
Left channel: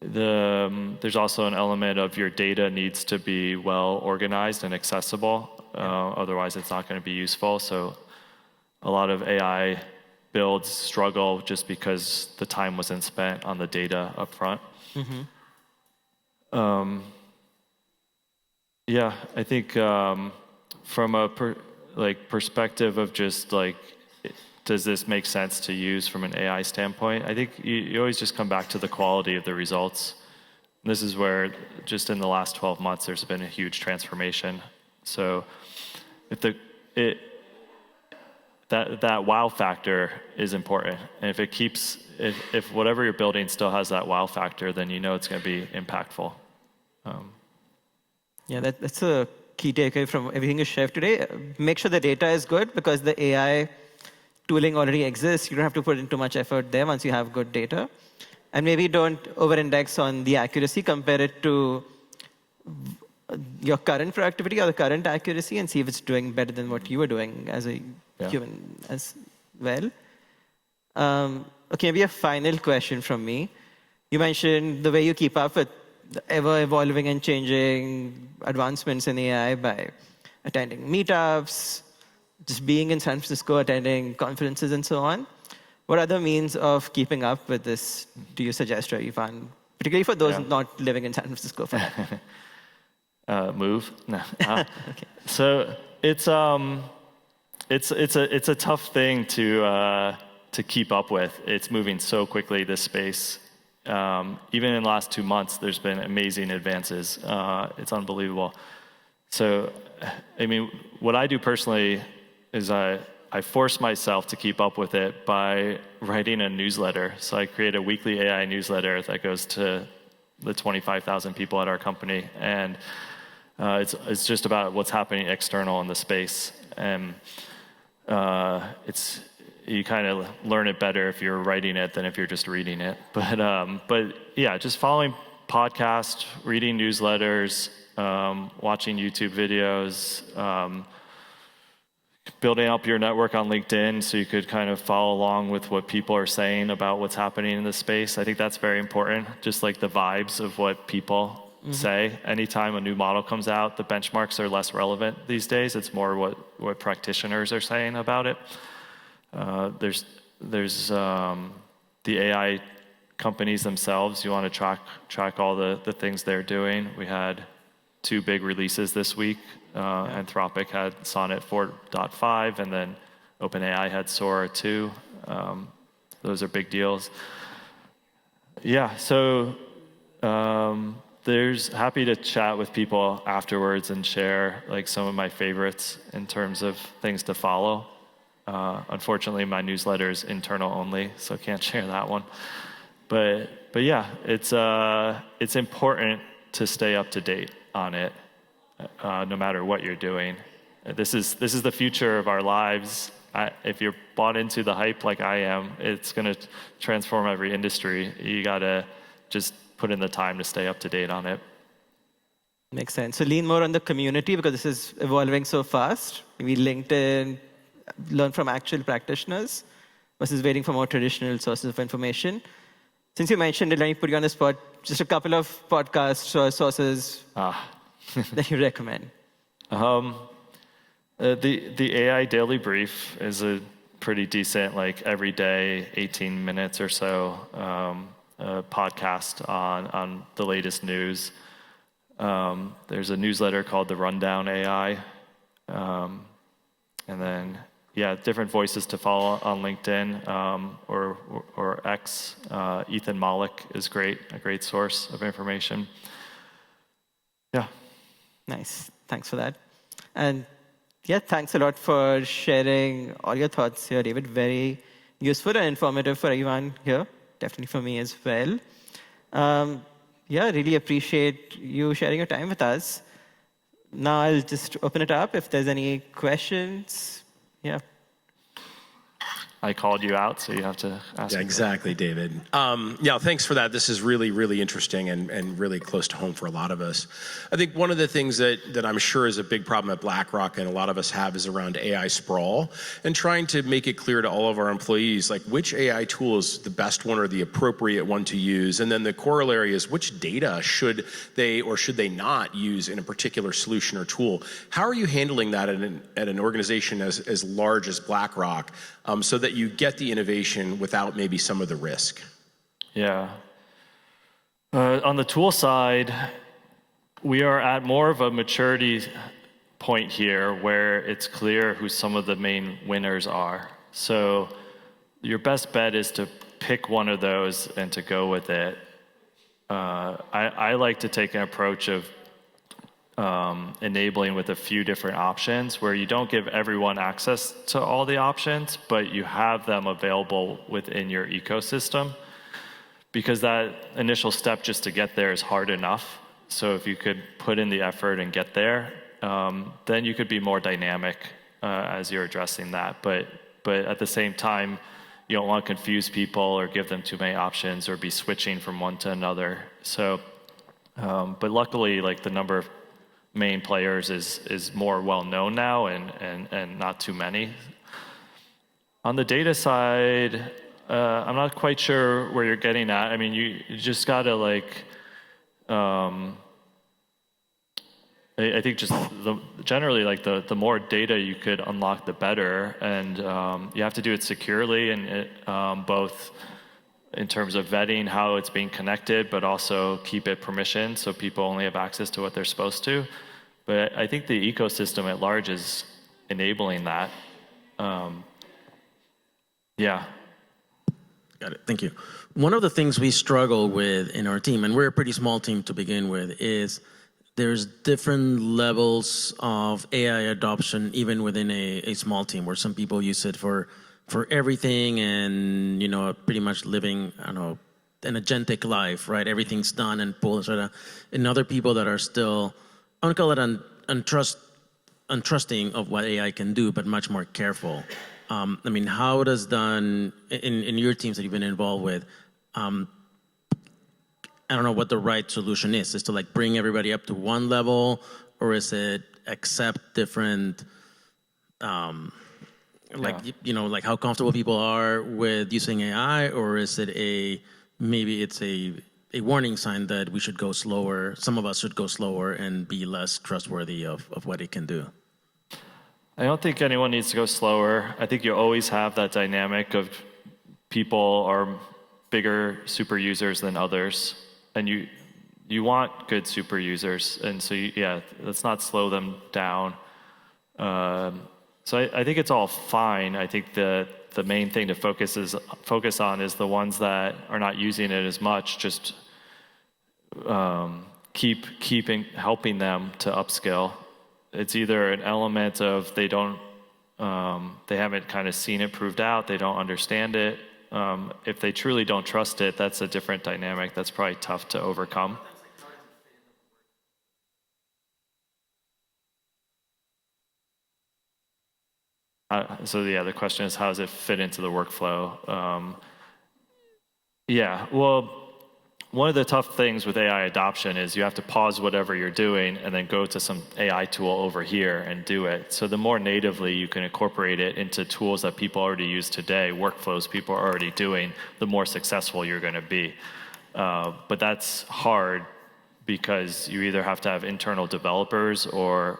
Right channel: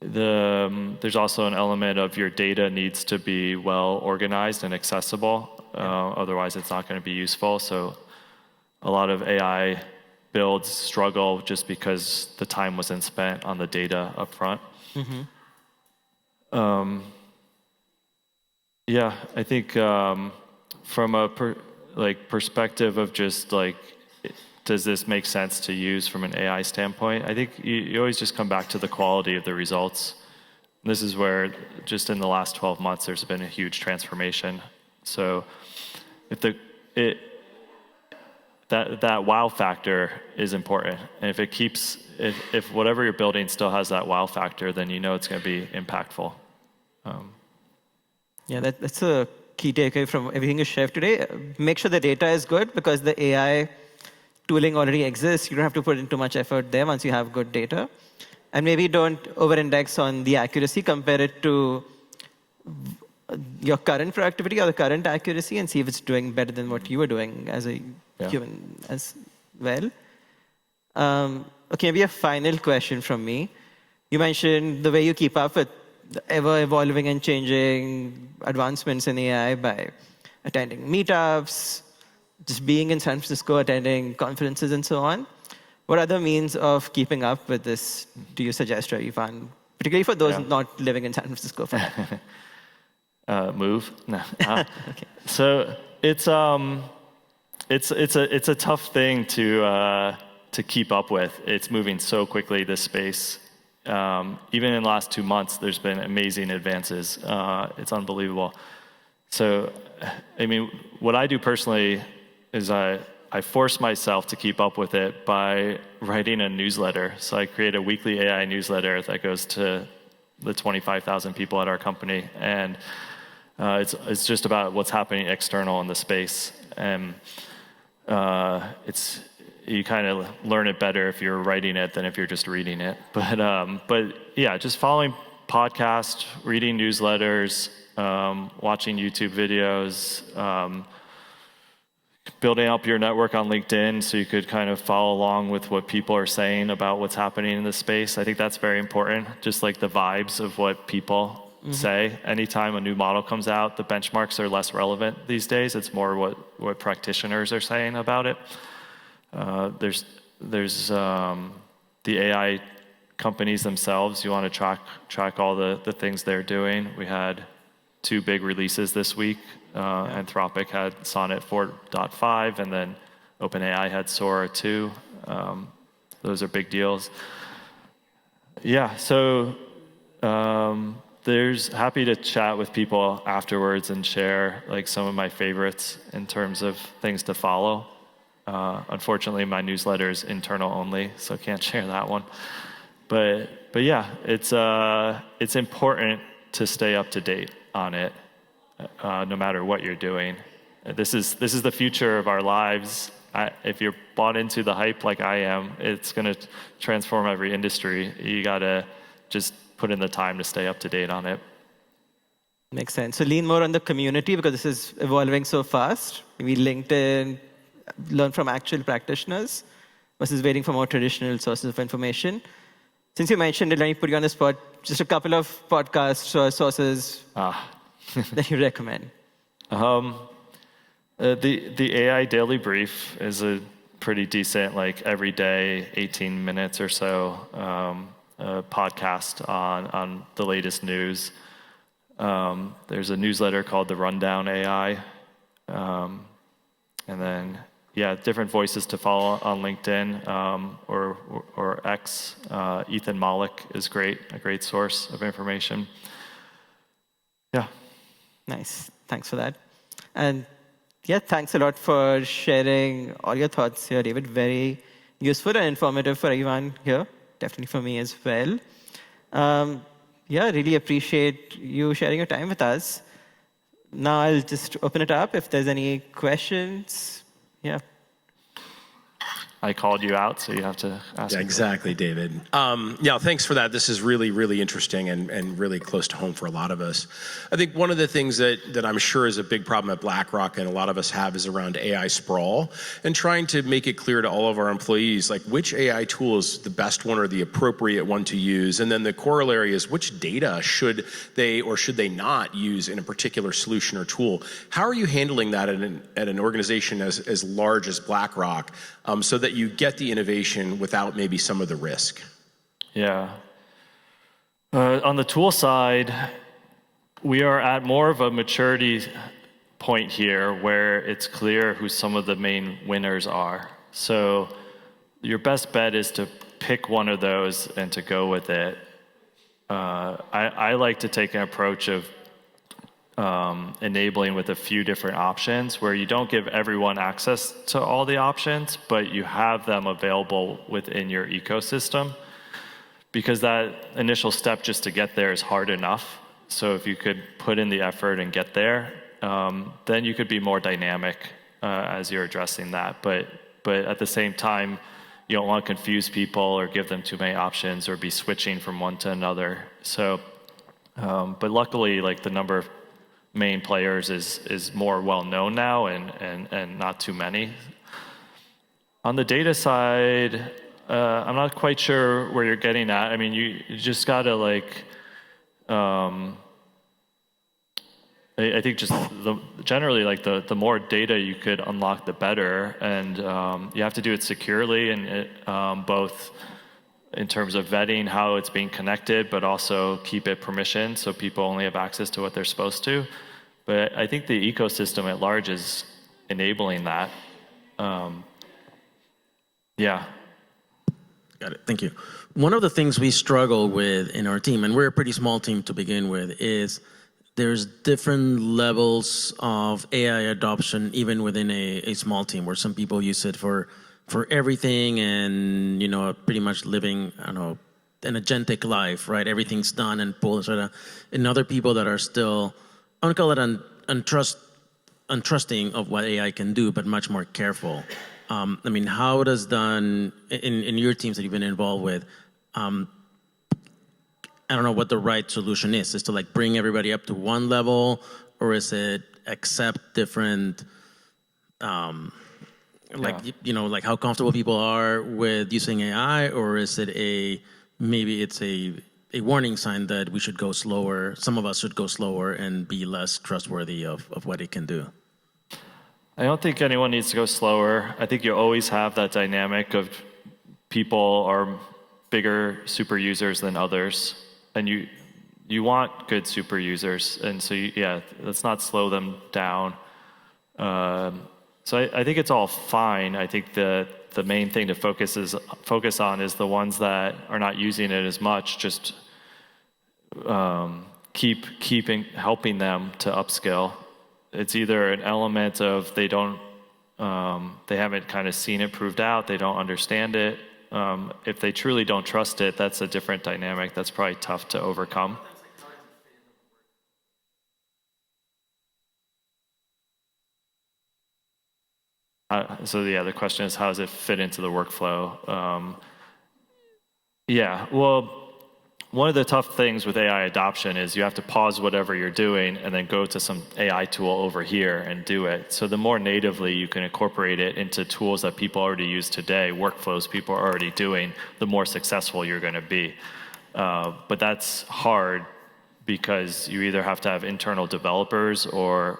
There's also an element of your data needs to be well organized and accessible. Otherwise, it's not going to be useful. So a lot of AI builds struggle just because the time wasn't spent on the data up front. Yeah, I think from a perspective of just like, does this make sense to use from an AI standpoint? I think you always just come back to the quality of the results. And this is where just in the last 12 months, there's been a huge transformation. So if that wow factor is important. And if whatever you're building still has that wow factor, then you know it's going to be impactful. Yeah, that's a key takeaway from everything you shared today. Make sure the data is good because the AI tooling already exists. You don't have to put in too much effort there once you have good data. And maybe don't over-index on the accuracy. Compare it to your current productivity or the current accuracy and see if it's doing better than what you were doing as a human as well. Okay, maybe a final question from me. You mentioned the way you keep up with the ever-evolving and changing advancements in AI by attending meetups, just being in San Francisco, attending conferences and so on. What other means of keeping up with this do you suggest or you find, particularly for those not living in San Francisco? Move? No. Okay. So it's a tough thing to keep up with. It's moving so quickly, this space. Even in the last 2 months, there's been amazing advances. It's unbelievable. So, I mean, what I do personally is I force myself to keep up with it by writing a newsletter. So I create a weekly AI newsletter that goes to the 25,000 people at our company. And It's just about what's happening external in the space, and you kind of learn it better if you're writing it than if you're just reading it. But yeah, just following podcasts, reading newsletters, watching YouTube videos, building up your network on LinkedIn so you could kind of follow along with what people are saying about what's happening in the space. I think that's very important, just like the vibes of what people say. Anytime a new model comes out, the benchmarks are less relevant these days. It's more what practitioners are saying about it. There's the AI companies themselves. You want to track all the things they're doing. We had 2 big releases this week. Anthropic had Sonnet 4.5, and then OpenAI had Sora 2. Those are big deals. Yeah, so there's happy to chat with people afterwards and share like some of my favorites in terms of things to follow. Unfortunately, my newsletter is internal only, so I can't share that one. But yeah, it's important to stay up to date on it, no matter what you're doing. This is the future of our lives. If you're bought into the hype like I am, it's going to transform every industry. You got to just put in the time to stay up to date on it. Makes sense. So lean more on the community because this is evolving so fast. Maybe LinkedIn, learn from actual practitioners versus waiting for more traditional sources of information. Since you mentioned it, let me put you on the spot. Just a couple of podcasts or sources that you recommend. The AI Daily Brief is a pretty decent, like every day, 18 minutes or so, podcast on the latest news. There's a newsletter called The Rundown AI. And then, yeah, different voices to follow on LinkedIn or X. Ethan Malik is a great source of information. Yeah. Nice. Thanks for that. And yeah, thanks a lot for sharing all your thoughts here, David. Very useful and informative for everyone here. Definitely for me as well. Yeah, really appreciate you sharing your time with us. Now I'll just open it up if there's any questions. Yeah. I called you out, so you have to ask me. Exactly, David. Yeah, thanks for that. This is really, really interesting and really close to home for a lot of us. I think one of the things that I'm sure is a big problem at BlackRock and a lot of us have is around AI sprawl and trying to make it clear to all of our employees, like which AI tool is the best one or the appropriate one to use. And then the corollary is which data should they or should they not use in a particular solution or tool. How are you handling that at an organization as large as BlackRock so that you get the innovation without maybe some of the risk? Yeah. On the tool side, we are at more of a maturity point here where it's clear who some of the main winners are. So your best bet is to pick one of those and to go with it. I like to take an approach of enabling with a few different options where you don't give everyone access to all the options, but you have them available within your ecosystem, because that initial step just to get there is hard enough. So if you could put in the effort and get there, then you could be more dynamic as you're addressing that. But at the same time, you don't want to confuse people or give them too many options or be switching from one to another. So, but luckily, like the number of main players is more well known now and not too many. On the data side, I'm not quite sure where you're getting at. I mean, you just gotta like, I think just generally like the more data you could unlock, the better, and you have to do it securely and both in terms of vetting how it's being connected, but also keep it permissioned so people only have access to what they're supposed to. But I think the ecosystem at large is enabling that. Yeah. Got it. Thank you. One of the things we struggle with in our team, and we're a pretty small team to begin with, is there's different levels of AI adoption even within a small team, where some people use it for everything and, you know, pretty much living, I don't know, an agentic life, right? Everything's done and pulled, and other people that are still want to call it untrusting of what AI can do, but much more careful. I mean, how does then, in your teams that you've been involved with, I don't know what the right solution is. Is to like bring everybody up to one level, or is it accept different, like like how comfortable people are with using AI, or is it maybe it's a warning sign that we should go slower. Some of us should go slower and be less trustworthy of what it can do. I don't think anyone needs to go slower. I think you always have that dynamic of people are bigger super users than others, and you want good super users, and so let's not slow them down. So I think it's all fine. I think the main thing to focus on is the ones that are not using it as much. Just helping them to upskill. It's either an element of they haven't kind of seen it proved out, they don't understand it. If they truly don't trust it, that's a different dynamic. That's probably tough to overcome. The question is, how does it fit into the workflow? Well, one of the tough things with AI adoption is you have to pause whatever you're doing and then go to some AI tool over here and do it. So the more natively you can incorporate it into tools that people already use today, workflows people are already doing, the more successful you're going to be. But that's hard because you either have to have internal developers or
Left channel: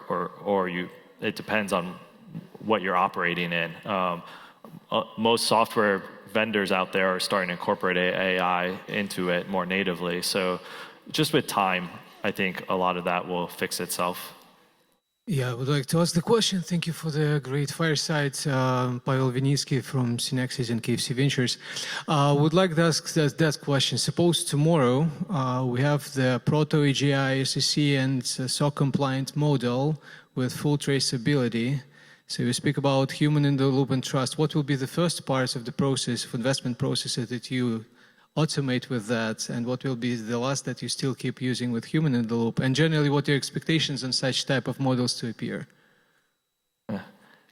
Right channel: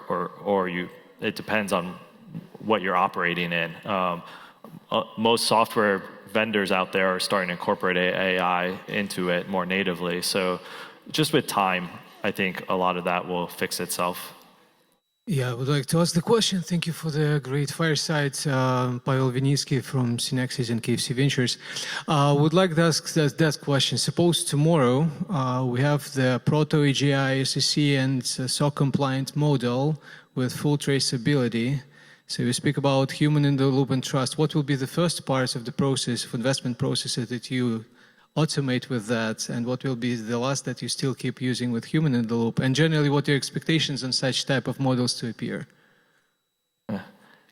it depends on what you're operating in. Most software vendors out there are starting to incorporate AI into it more natively. So just with time, I think a lot of that will fix itself. Yeah, I would like to ask the question. Thank you for the great fireside. Pavel Vinitsky from Synexis and KFC Ventures. Would like to ask that question. Suppose tomorrow we have the Proto AGI SEC and SOC compliant model with full traceability. So we speak about human in the loop and trust. What will be the first parts of the process, of investment processes that you automate with that? And what will be the last that you still keep using with human in the loop? And generally, what are your expectations on such type of models to appear?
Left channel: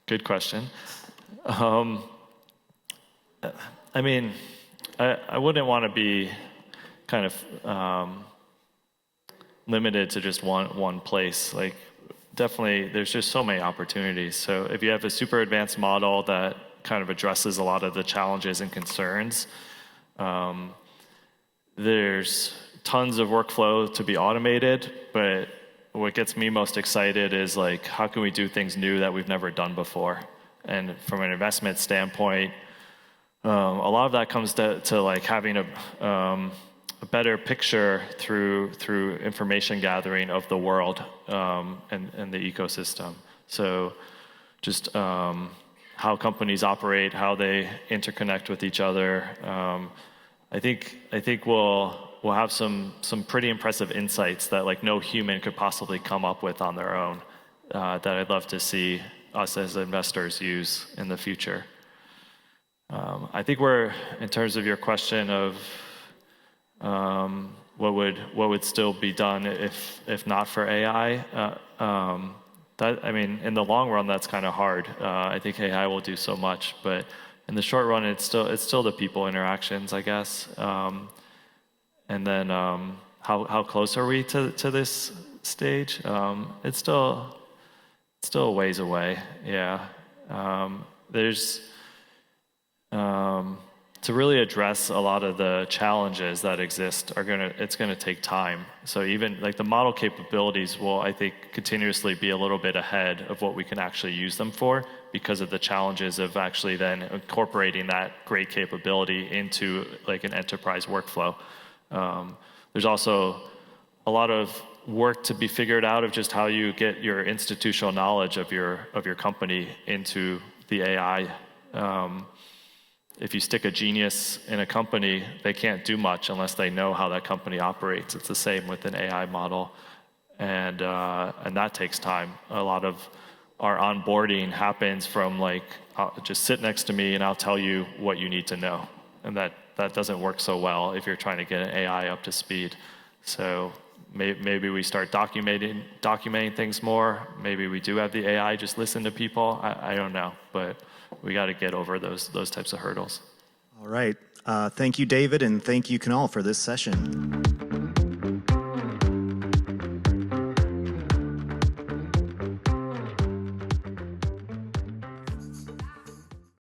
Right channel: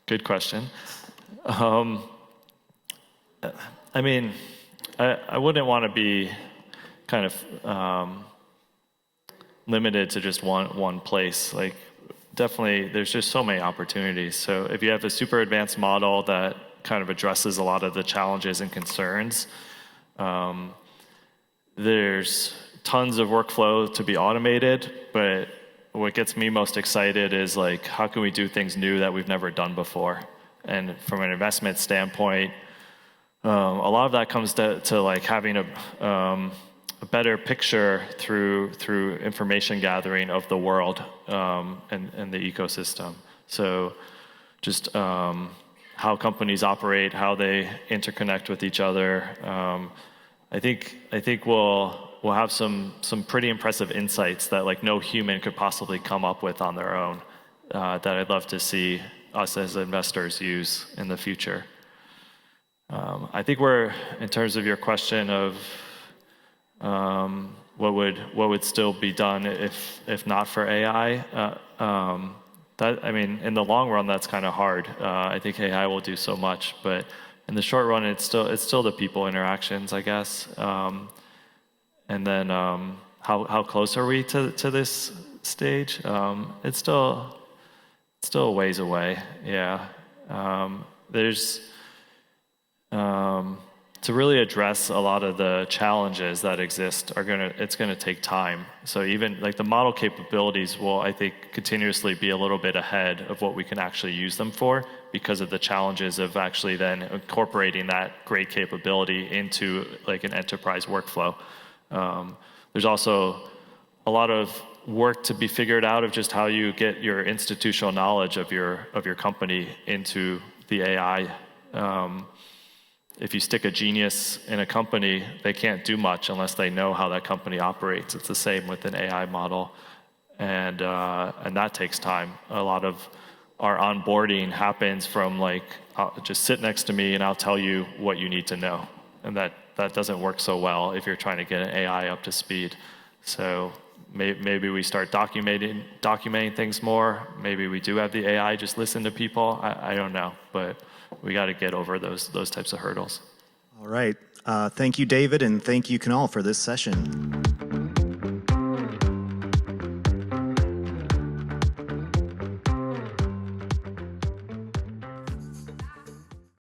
Good question. I mean, I wouldn't want to be kind of limited to just one place. Like, definitely, there's just so many opportunities. So if you have a super advanced model that kind of addresses a lot of the challenges and concerns, there's tons of workflow to be automated, but what gets me most excited is like, how can we do things new that we've never done before? And from an investment standpoint, a lot of that comes to like having a better picture through information gathering of the world and the ecosystem. So just how companies operate, how they interconnect with each other. I think we'll have some pretty impressive insights that like no human could possibly come up with on their own that I'd love to see us as investors use in the future. I think we're, in terms of your question of what would still be done if not for AI? That, I mean, in the long run, that's kind of hard. I think AI will do so much, but in the short run, it's still the people interactions, I guess. And then how close are we to this stage? It's still a ways away. Yeah. There's to really address a lot of the challenges that exist it's gonna take time. So even like the model capabilities will, I think, continuously be a little bit ahead of what we can actually use them for because of the challenges of actually then incorporating that great capability into like an enterprise workflow. There's also a lot of work to be figured out of just how you get your institutional knowledge of your company into the AI. If you stick a genius in a company, they can't do much unless they know how that company operates. It's the same with an AI model, and that takes time. A lot of our onboarding happens from like, just sit next to me and I'll tell you what you need to know, and that doesn't work so well if you're trying to get an AI up to speed. So maybe we start documenting things more. Maybe we do have the AI just listen to people. I don't know, but we got to get over those types of hurdles. All right. Thank you, David, and thank you, Kunal, for this session.